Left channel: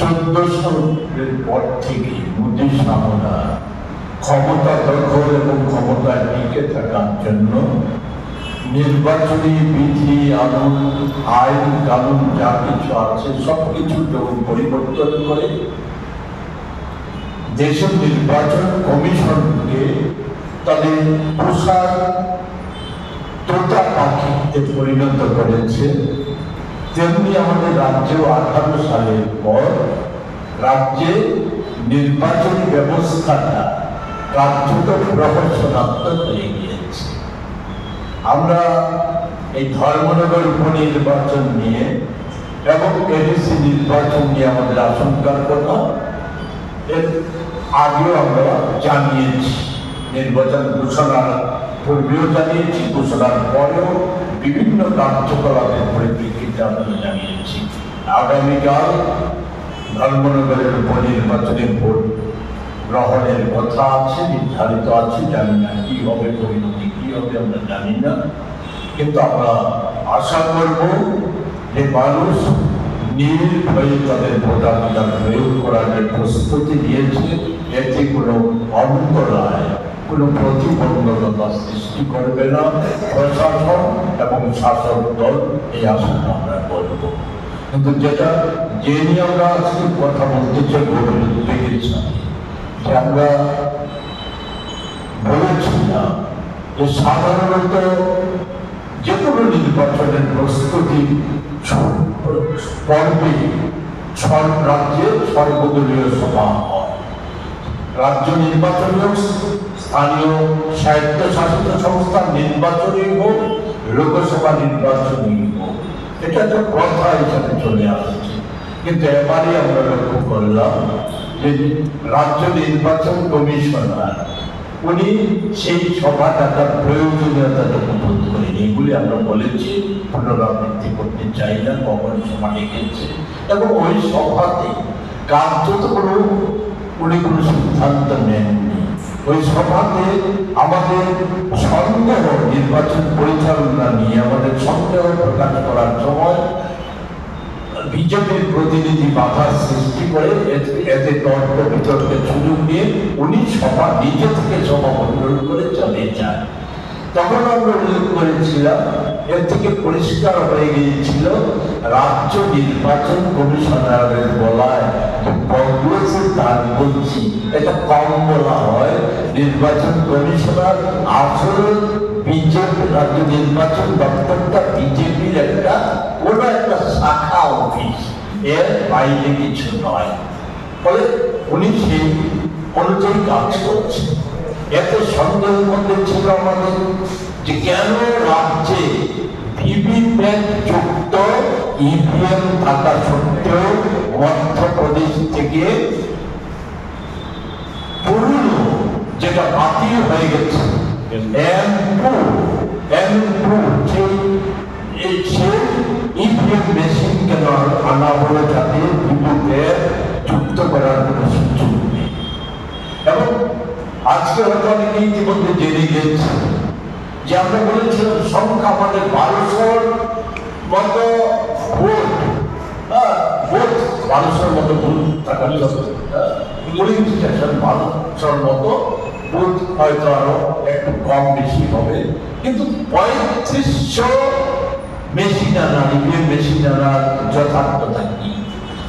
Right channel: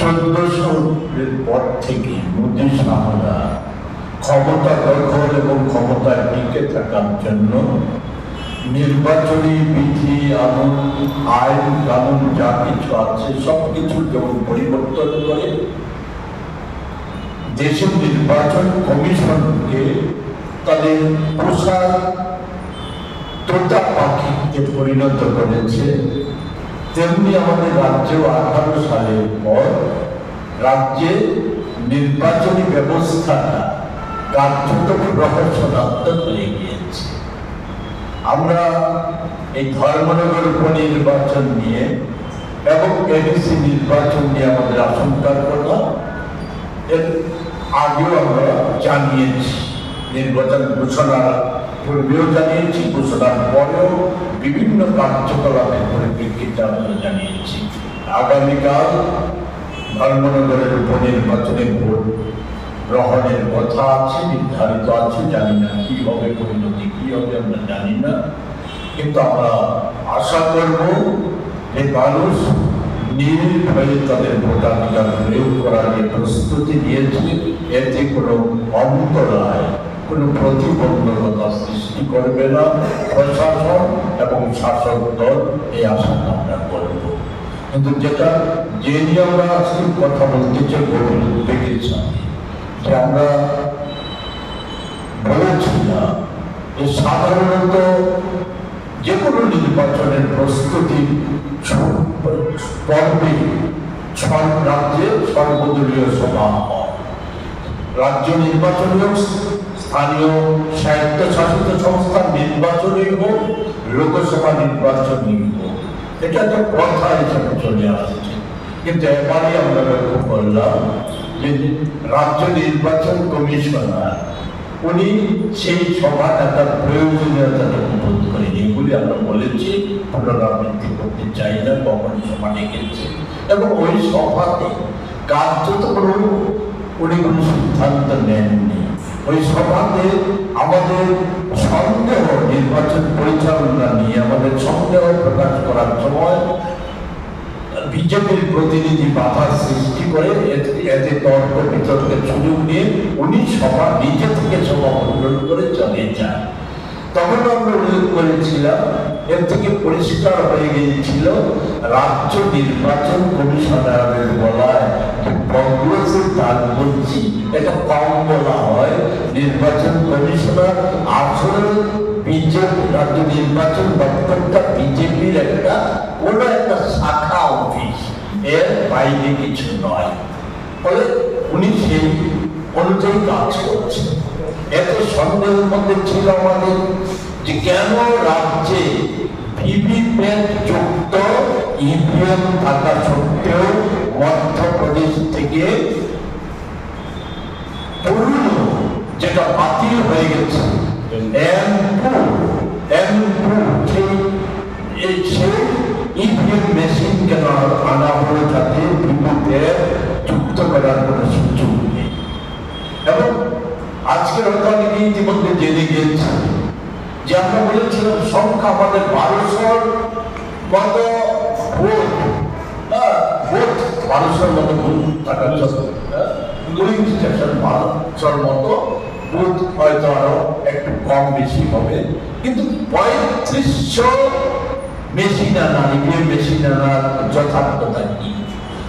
1400-এর পর থেকে মোদী শাহরা ক্ষমতা দখল এবং ক্ষমতায় টিকে থাকার জন্য নির্বাচনী বিধি আইন কানুন যা কিছু আছে সবকিছু যখন পরিবর্তন করে দেশের নির্বাচন কমিশনকে তাদের পোশাক তোতা পাখিতে পরিণত করেছে। তেমনি আমাদের রাজ্যেও 18 সালের পর রাজ্যে নির্বাচনী ব্যবস্থাটা কার্যত রহস্যনাত্মক হয়ে গিয়েছে। আমরা এই ধর্মনগর উপনির্বাচন নিয়ে এবং এডিসি নির্বাচন নিয়ে আমাদের আশঙ্কার কথা এর আগেও আমরা জানিয়েছি, নির্বাচন ঘোষণার পূর্বেও জানিয়েছি, ঘোষণার পরেও বিভিন্ন কার্যকলাপের পরিপ্রেক্ষিতে আমরা জানিয়েছি। আগামীকাল ধর্মনগরের উপনির্বাচনের ভোট গ্রহণের কথা আছে, নির্ধারিত আছে। জানি না কি হবে, পরিণতি কি হবে আমরা জানি না, কিন্তু আমরা আশা করব যে মানুষ নির্ভয়ে তাদের ভোটাধিকার প্রয়োগ করার যে প্রস্তুতি নিয়েছে এতে কোনো অন্তরায়, কোনো প্রতিবন্ধকতা সৃষ্টি করবে না প্রশাসন এবং শাসক দল, এই আশাটা আমরা করব। কিন্তু যেটা যে নিয়ে আমরা আজকে কথা বলতে চাই দেখেছি যে আমরা বলেছিলাম যে সাধারণত যে কোনো নির্বাচনের প্রস্তুতি পর্বে রাজ্যে সর্বদলীয় সভা হয়। রাজ্য নির্বাচনী হোক, স্থানীয় স্বায়ত্তশাসিত সংস্থার নির্বাচনী হোক, লোকসভা নির্বাচনী হোক, এটা একটা প্রথা হিসাবে চলে আসছে। কিন্তু এবারই আমরা লক্ষ্য করলাম যে রাজ্য নির্বাচন কমিশনার উনি সেই সভাটার প্রয়োজনীয়তাটুকু বোধ করেন। এগুলি আমরা বলেছি, পুনরাবৃত্তি করতে চাই না, কখন সভা ডেকেছে এবং ওই সভাতে কার্যত উনি কোনো সিদ্ধান্ত নেননি। ওই সভাতে আমাদের সন্দেহ, নির্বাচন পরিচালনা নিয়ে আমাদের সন্দেহ প্রকাশ করার সময় বিজেপির প্রতিনিধি বাধার সৃষ্টি করে এতে তর্ক বিতর্কের সুযোগ নিয়ে উনি সভা নিজে থেকে সভা মণ্ডল করে চলে যান। তখন আমরা উল্লেখ করেছিলাম, এর থেকে পরিষ্কার হয়ে গিয়েছিল রাজ্য নির্বাচন কমিশনারের বলায় তার বলছি এটা কম বলা হয়। নির্বাচন কমিশনার আসলে বিজেপি, রাজ্য নির্বাচন দপ্তরটা বিজেপির একটা কোনো একটা শাখা অফিস, এর বাইরে কিছু নয়। ফলে উনি সেই অনুযায়ী কাজ করছেন। এত সন্দেহের মধ্যে ছিল আমাদের যে কেন রাজ্যে ভিভিপ্যাট যুক্ত ইভিএম থাকা সত্ত্বেও মধ্যপ্রদেশ থেকে পুরনো যেটা বাতিল হয়ে গেছে সেই ইভিএম মেশিন কেন আনা হলো, যাতে ভিভিপ্যাট যুক্ত করার কোনো সুযোগ নেই। এবং আজকে অনেকে ইতিমধ্যে জেনে গিয়েছে যে আমরা বলেছিলাম সংখ্যা আমাদের 1200 মতো ভোট, ভোট 1200 মতো ভোট থাকার জন্য পোলিং স্টেশন 1200 মতো ভোট হয়তো আরো একটু কম বেশি হবে, কিন্তু 3500 মেশিন আনা, ইভিএম মেশিন আনার যথার্থতা কি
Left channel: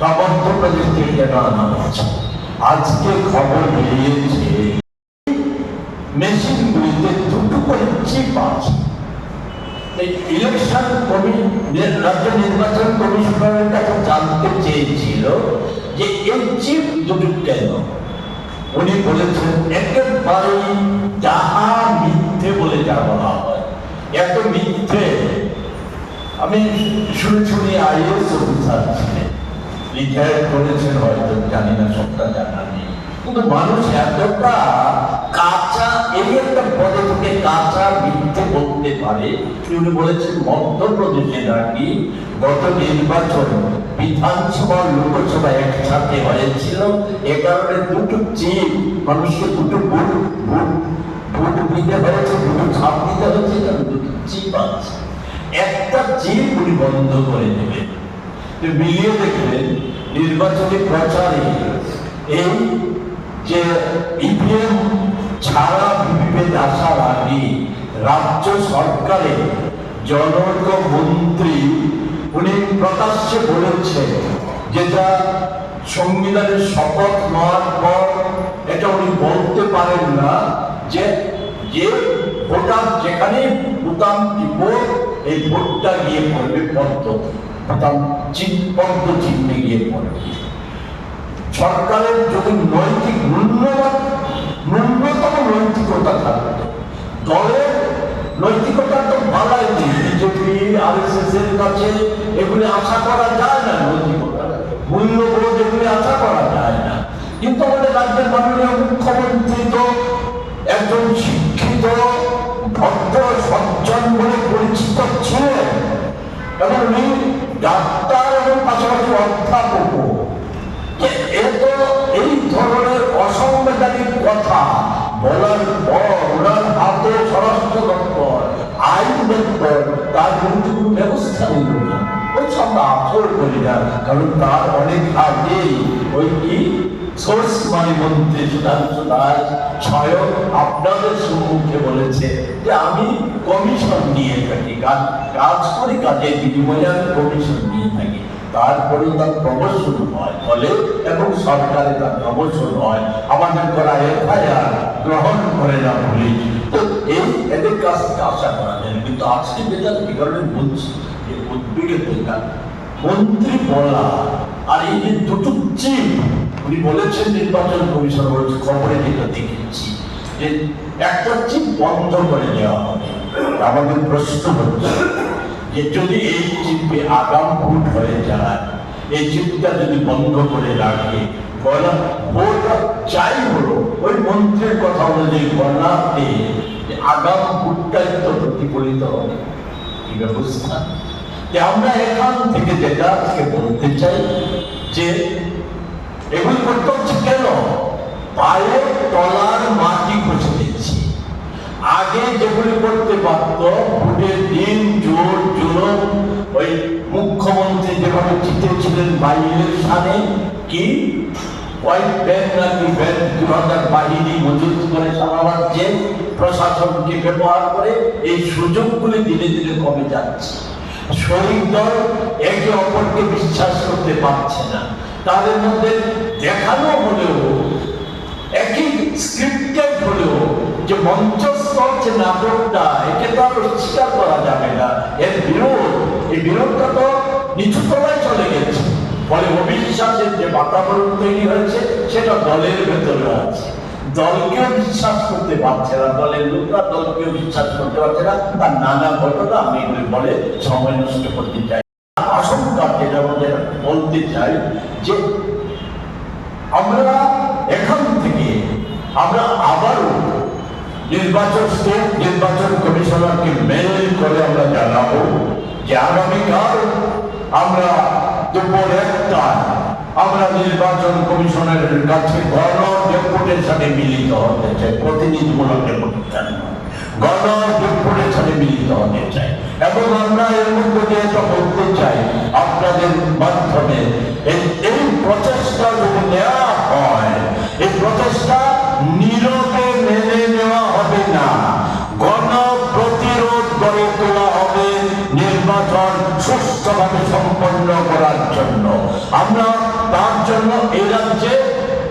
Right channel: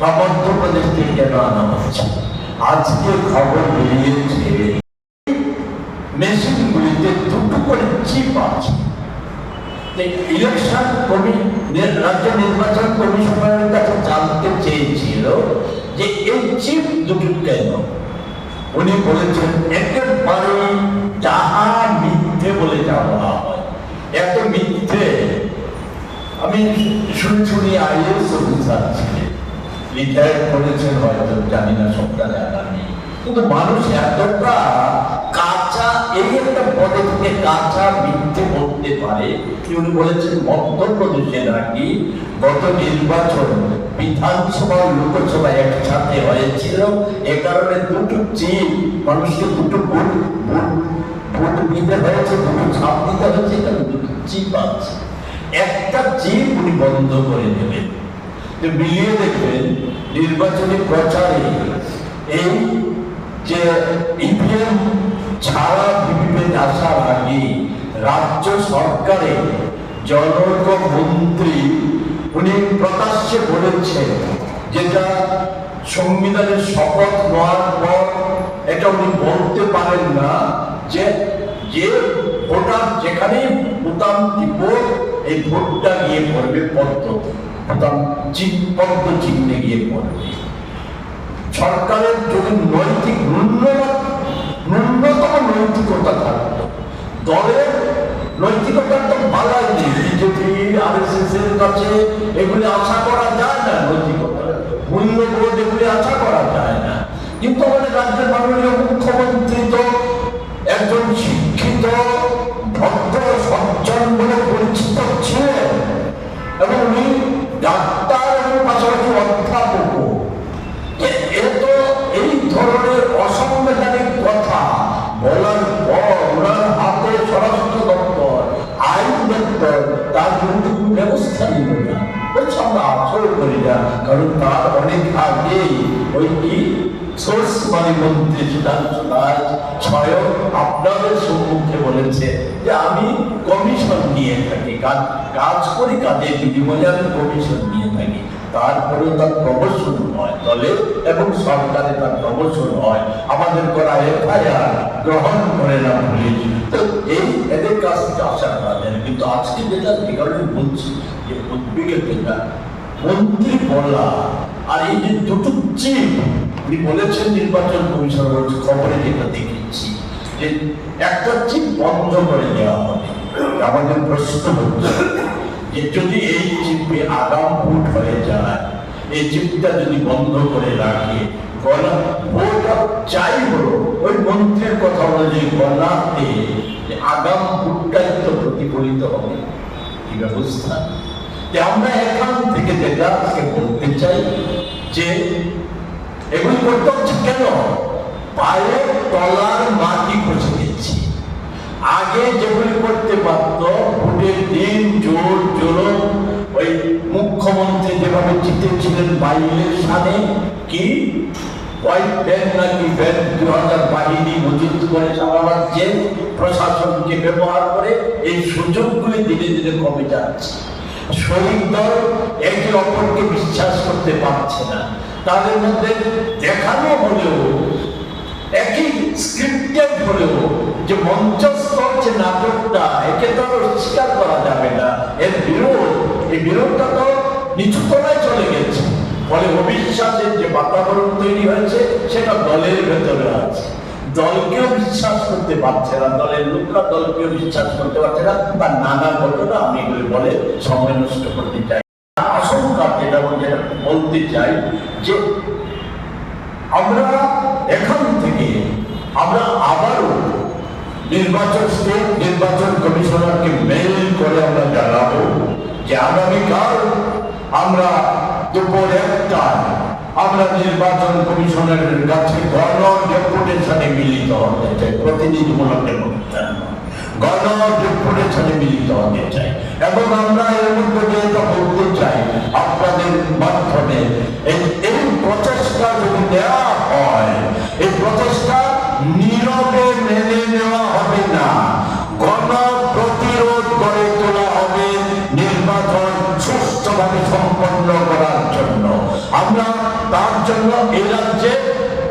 বা মধ্যপ্রদেশ থেকে কেন আনা হচ্ছে? আজকে খবর বেরিয়েছে মেশিনগুলিতে দুটো করে চিপ আছে। ইলেকশন রাজ্য নির্বাচন কমিশনারের কাছে জানতে চেয়েছিল যে এই চিপ দুটো কেন। উনি বলেছেন একেবারে যাহা মিথ্যে বলে যা বলা হয়, এত মিথ্যে আমি শুনি। আইএস অফিসার ছিলেন, রিটায়ার করেছেন হয়তো, জানি না, সবটা জানা নেই, কিন্তু মানুষ এতটা কাঁচা, এই একটা পদে থেকে কাঁচা মিথ্যে বলতে পারে। উনি বলেছেন মধ্যপ্রদেশের নাকি গত নির্বাচন বিধানসভা লোকসভা একসাথে হয়েছিল, এ কারণে দুটো চিপ মানুষকে দুটো ভোট দিতে হয়েছে, দুটো ছাপ দিতে হয়েছে, দুটো চিপ আছে। একটা চিপ উনি বন্ধ করে দেবেন। মিলিয়ে দেখবেন নির্বাচনী প্রচারে এই যে ইভিএম ছাড়া ভিভিপ্যাট আসার আগে রাজ্য সরকারে জনৈক মন্ত্রী উনি প্রকাশ্যে বলেছেন, যেটা সংবিধানের শপথ নেওয়ার পর এটা উনি বলতে পারেন না, যে যে ভোটার যেখানে বোতাম টিপ এই ভোটটা গিয়ে পড়বে পদ্ধতি, বোতাম পদ্ম চিহ্নে গিয়ে পড়বে। সরকারের যদি নৈতিক ন্যূনতম নৈতিকতা থাকতো, দলের নৈতিকতা তো বালাই নেই, বিজেপি আরএসএস এর কাছে এগুলি আশা করা যায় না, নৈতিকতা মূল্যবোধ এগুলি আশা করা যায় না। কিন্তু আমাদের রাজ্যের মাননীয় মুখ্যমন্ত্রী তো একজন শিক্ষিত ভদ্র সজ্জন বলে পরিচিত ছিলেন, এবং উনি ডাক্তার এবং পাশাপাশি অধ্যাপক। এত এই ধরনের অসাংবিধানিক কথা বলার পর ওনার হাতে স্বরাষ্ট্র দপ্তর, আইন দপ্তর তার বিরুদ্ধে কোনো ব্যবস্থা নিল না। বলছে আমরা আচর করি না, কারণ তার অনেক আগে ওই কি সোর্স মানি মন্ত্রী স্বয়ং আপনাদের সম্মুখে বলেছে যে আমি কমিশন নিয়ে থাকি, কাজ করি, কাজের বিনিময়ে আমি কমিশন নিয়ে থাকি। তারপরে তার প্রমোশন হয় দলে এবং সরকারে, তার প্রমোশন হয়। আমাদের করা এফআইআর গ্রহণ করে না পুলিশ, তো এই এদের কাছ থেকে আশা করা যায়। কিন্তু আজকে যেটা এই কারণে বলছি যে উদ্বেগের যেটা মন্ত্রী বলা আর এই যে দুটো চিফ উনি বলেছেন নির্বাচন কমিশন বলছে, খবরে যেটা দেখেছি যে একটা চিফ বন্ধ করে দেওয়া হবে। আমাদের প্রশ্ন হচ্ছে যে যদি এই চিপে আগাম ভোট হয়ে যায়, এই চিপটা যদি বন্ধ করে রাখে, ভোট চাই হলো ওই মন্ত্রীর কথা অনুযায়ী গণাতে আগাম ভোটটাই তো প্রতিফলিত হবে এই ব্যবস্থা। আমরা এখান থেকে যেটা আজকে বলতে চাই যে এগুলি করতে হচ্ছে কেন, পায়ের তলার মাটি খুঁজে দিচ্ছি। আগে যেগুলি করতে পারত, ভোটের দিন জোর জোর ওই মুখ্যমন্ত্রী যেভাবে জিতেছিলেন বাই ইলেকশনে, কি হোয়াইট ব্যাংক নাকি ব্যাংক 2000 বাহিনী মজুত করে সারা রাজ্যে প্রশাসনকে ব্যবহার করে এই সুযোগগুলি ধীরে ধীরে কমে যাচ্ছে। শরিক দল একে অপরকে বিশ্বাস করতে পারছে না, তাদের মধ্যে দেখানো হলেও একই স্ক্রিপ্টেড হলেও যে মঞ্চস্থ যে নাটকটা, একে তো আর স্বীকার করা যাবে না। এর বিরোধ, এই বিরোধটা তো নিচু তলায় চলে গেছে, ফলে অবিশ্বাসের যে বাতাবরণ তৈরি হয়েছে সেটা দলের ভেতরে আছে। দলকেও বিশ্বাস করতে পারছে না, দলের লোকরা দলকেও বিশ্বাস করতে পারছে না। তার নানা ঘটনা আমি এগুলি বলে সময় নষ্ট করতে চাই। আশঙ্কা যেটা বলতে চাই যে আমরা এখান থেকে আমরা আবারও নির্বাচন কমিশনারকে মেইল করে আমরা জানাবো যে আগামীকাল আমরা দুপুর 1টায় আমরা নির্বাচন কমিশনারের কাছে গণ ডেপুটেশনে মিলিত হতে চাই, প্রতিনিধিমূলক ডেপুটেশন, গণ ডেপুটেশনে মিলিত হতে চাই। এবং আমরা এর মধ্যে যেটা বলতে চাই আপনাদের মাধ্যমে, এই প্রচেষ্টা যদি নেওয়া হয়, এই প্রচেষ্টা নীরবে মেনে নেওয়া হবে না, গণ প্রতিরোধ গড়ে তোলা হবে নির্বাচন সুষ্ঠুভাবে সম্পন্ন করার জন্য। আমরা তার জন্য এই রাজ্যে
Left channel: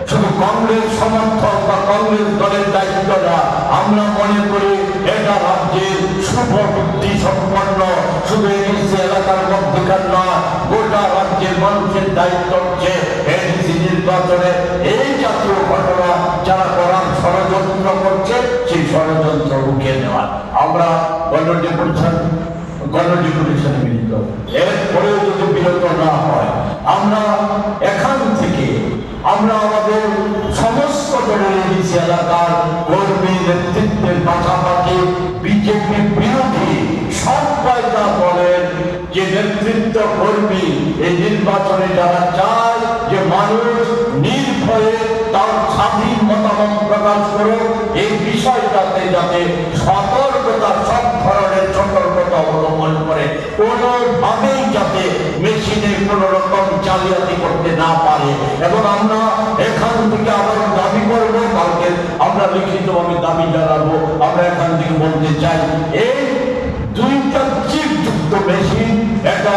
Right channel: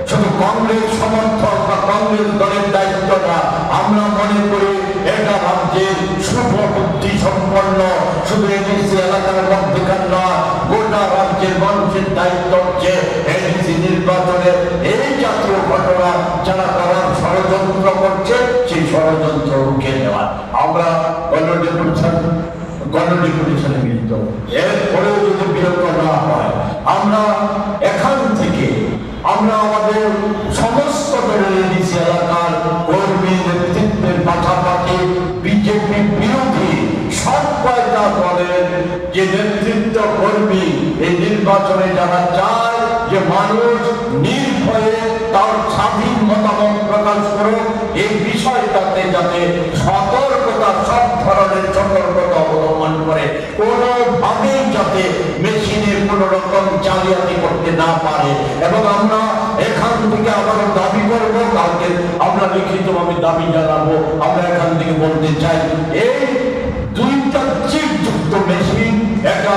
শুধু কংগ্রেস সমর্থক বা কংগ্রেস দলের দায়িত্ব না, আমরা মনে করি এটা রাজ্যের শুভ বুদ্ধি সম্পন্ন শুধু এডিসি এলাকার মধ্যেকার না, গোটা রাজ্যের মানুষের দায়িত্ব হচ্ছে এডিসি নির্বাচনের এই জাতীয় ঘটনা যারা করার ষড়যন্ত্র করছে সেই ষড়যন্ত্র রুখে দেওয়া। আমরা গণডেপুটেশনে মিলিত, এরপরেও যদি বিরত না হয়, আমরা এখান থেকে আমরা আমাদের সমস্ত দলের এডিসি এলাকার কর্মী নেতৃত্বের পাশাপাশি বিজেপি বিরোধী সব কয়টা দলের যে নেতৃত্ব কর্মী এই নির্বাচনে যারা চায় যে মানুষ নির্ভয়ে তার স্বাধীন মতামত প্রকাশ করুক, এই বিষয়টাতে যাতে সতর্কতা, সব ধরনের সতর্কতা অবলম্বন করে কোনোভাবেই যাতে মেশিনে কোনো রকম জালিয়াতি করতে না পারে থেকে আবারও দাবি করবো, কালকে আমরা লিখিতভাবে দাবি জানাবো। আমরা এখান থেকে বলতে চাই, এই দুইটা চিপযুক্ত মেশিন এটা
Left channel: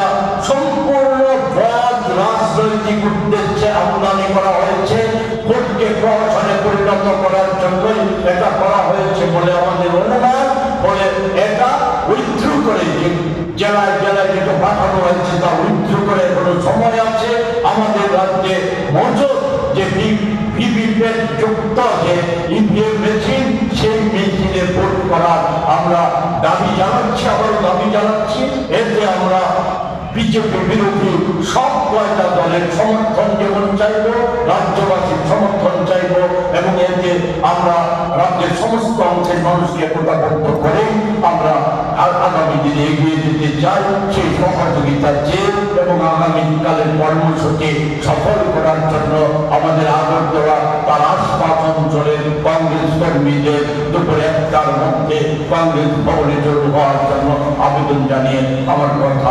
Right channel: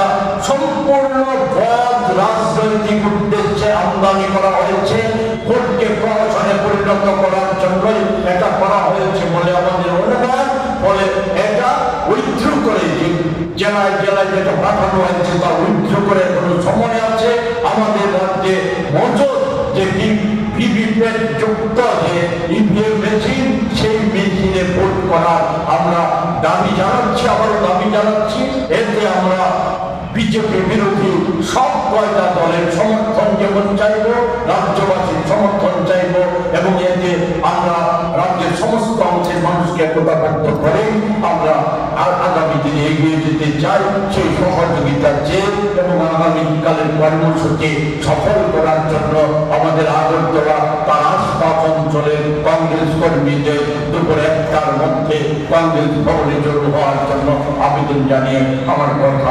সম্পূর্ণ বদ রাজনৈতিক উদ্দেশ্যে আমদানি করা হয়েছে, ভোটকে প্রহসনে পরিণত করার জন্যই এটা করা হয়েছে বলে আমাদের অনুমান। ফলে এটা উইথড্র করে জেলায় জেলায় যেটা পাঠানো হয়েছে তা উইথড্র করে কোনো সময় আছে। আমাদের রাজ্যে মজুদ যে ভিভিপ্যাট যুক্ত যে ইভিএম মেশিন, সেই মেশিনে ভোট করার আমরা দাবি জানাচ্ছি, আবারও দাবি জানাচ্ছি। এতে আমরা বিজেপি বিরোধী সব কয়টা দলের সমর্থন যেমন চাইব, রাজ্যবাসীর সমর্থন চাইব, এবং এতে আমরা রাজ্যের সমস্ত অংশের মানুষকে একতাবদ্ধ করে আমরা আগামী দিনে এগিয়ে যেতে চাই। সেই সহযোগিতা চেয়ে এবং আগামীকালের কর্মসূচি সফল করার জন্য আমাদের আগরতলা তার আশপাশ অঞ্চলের কংগ্রেস কর্মীদের দুপুর 1টার মধ্যে কংগ্রেস ভবনে জড়ো হওয়ার জন্য আবেদন জানিয়ে আমার কথা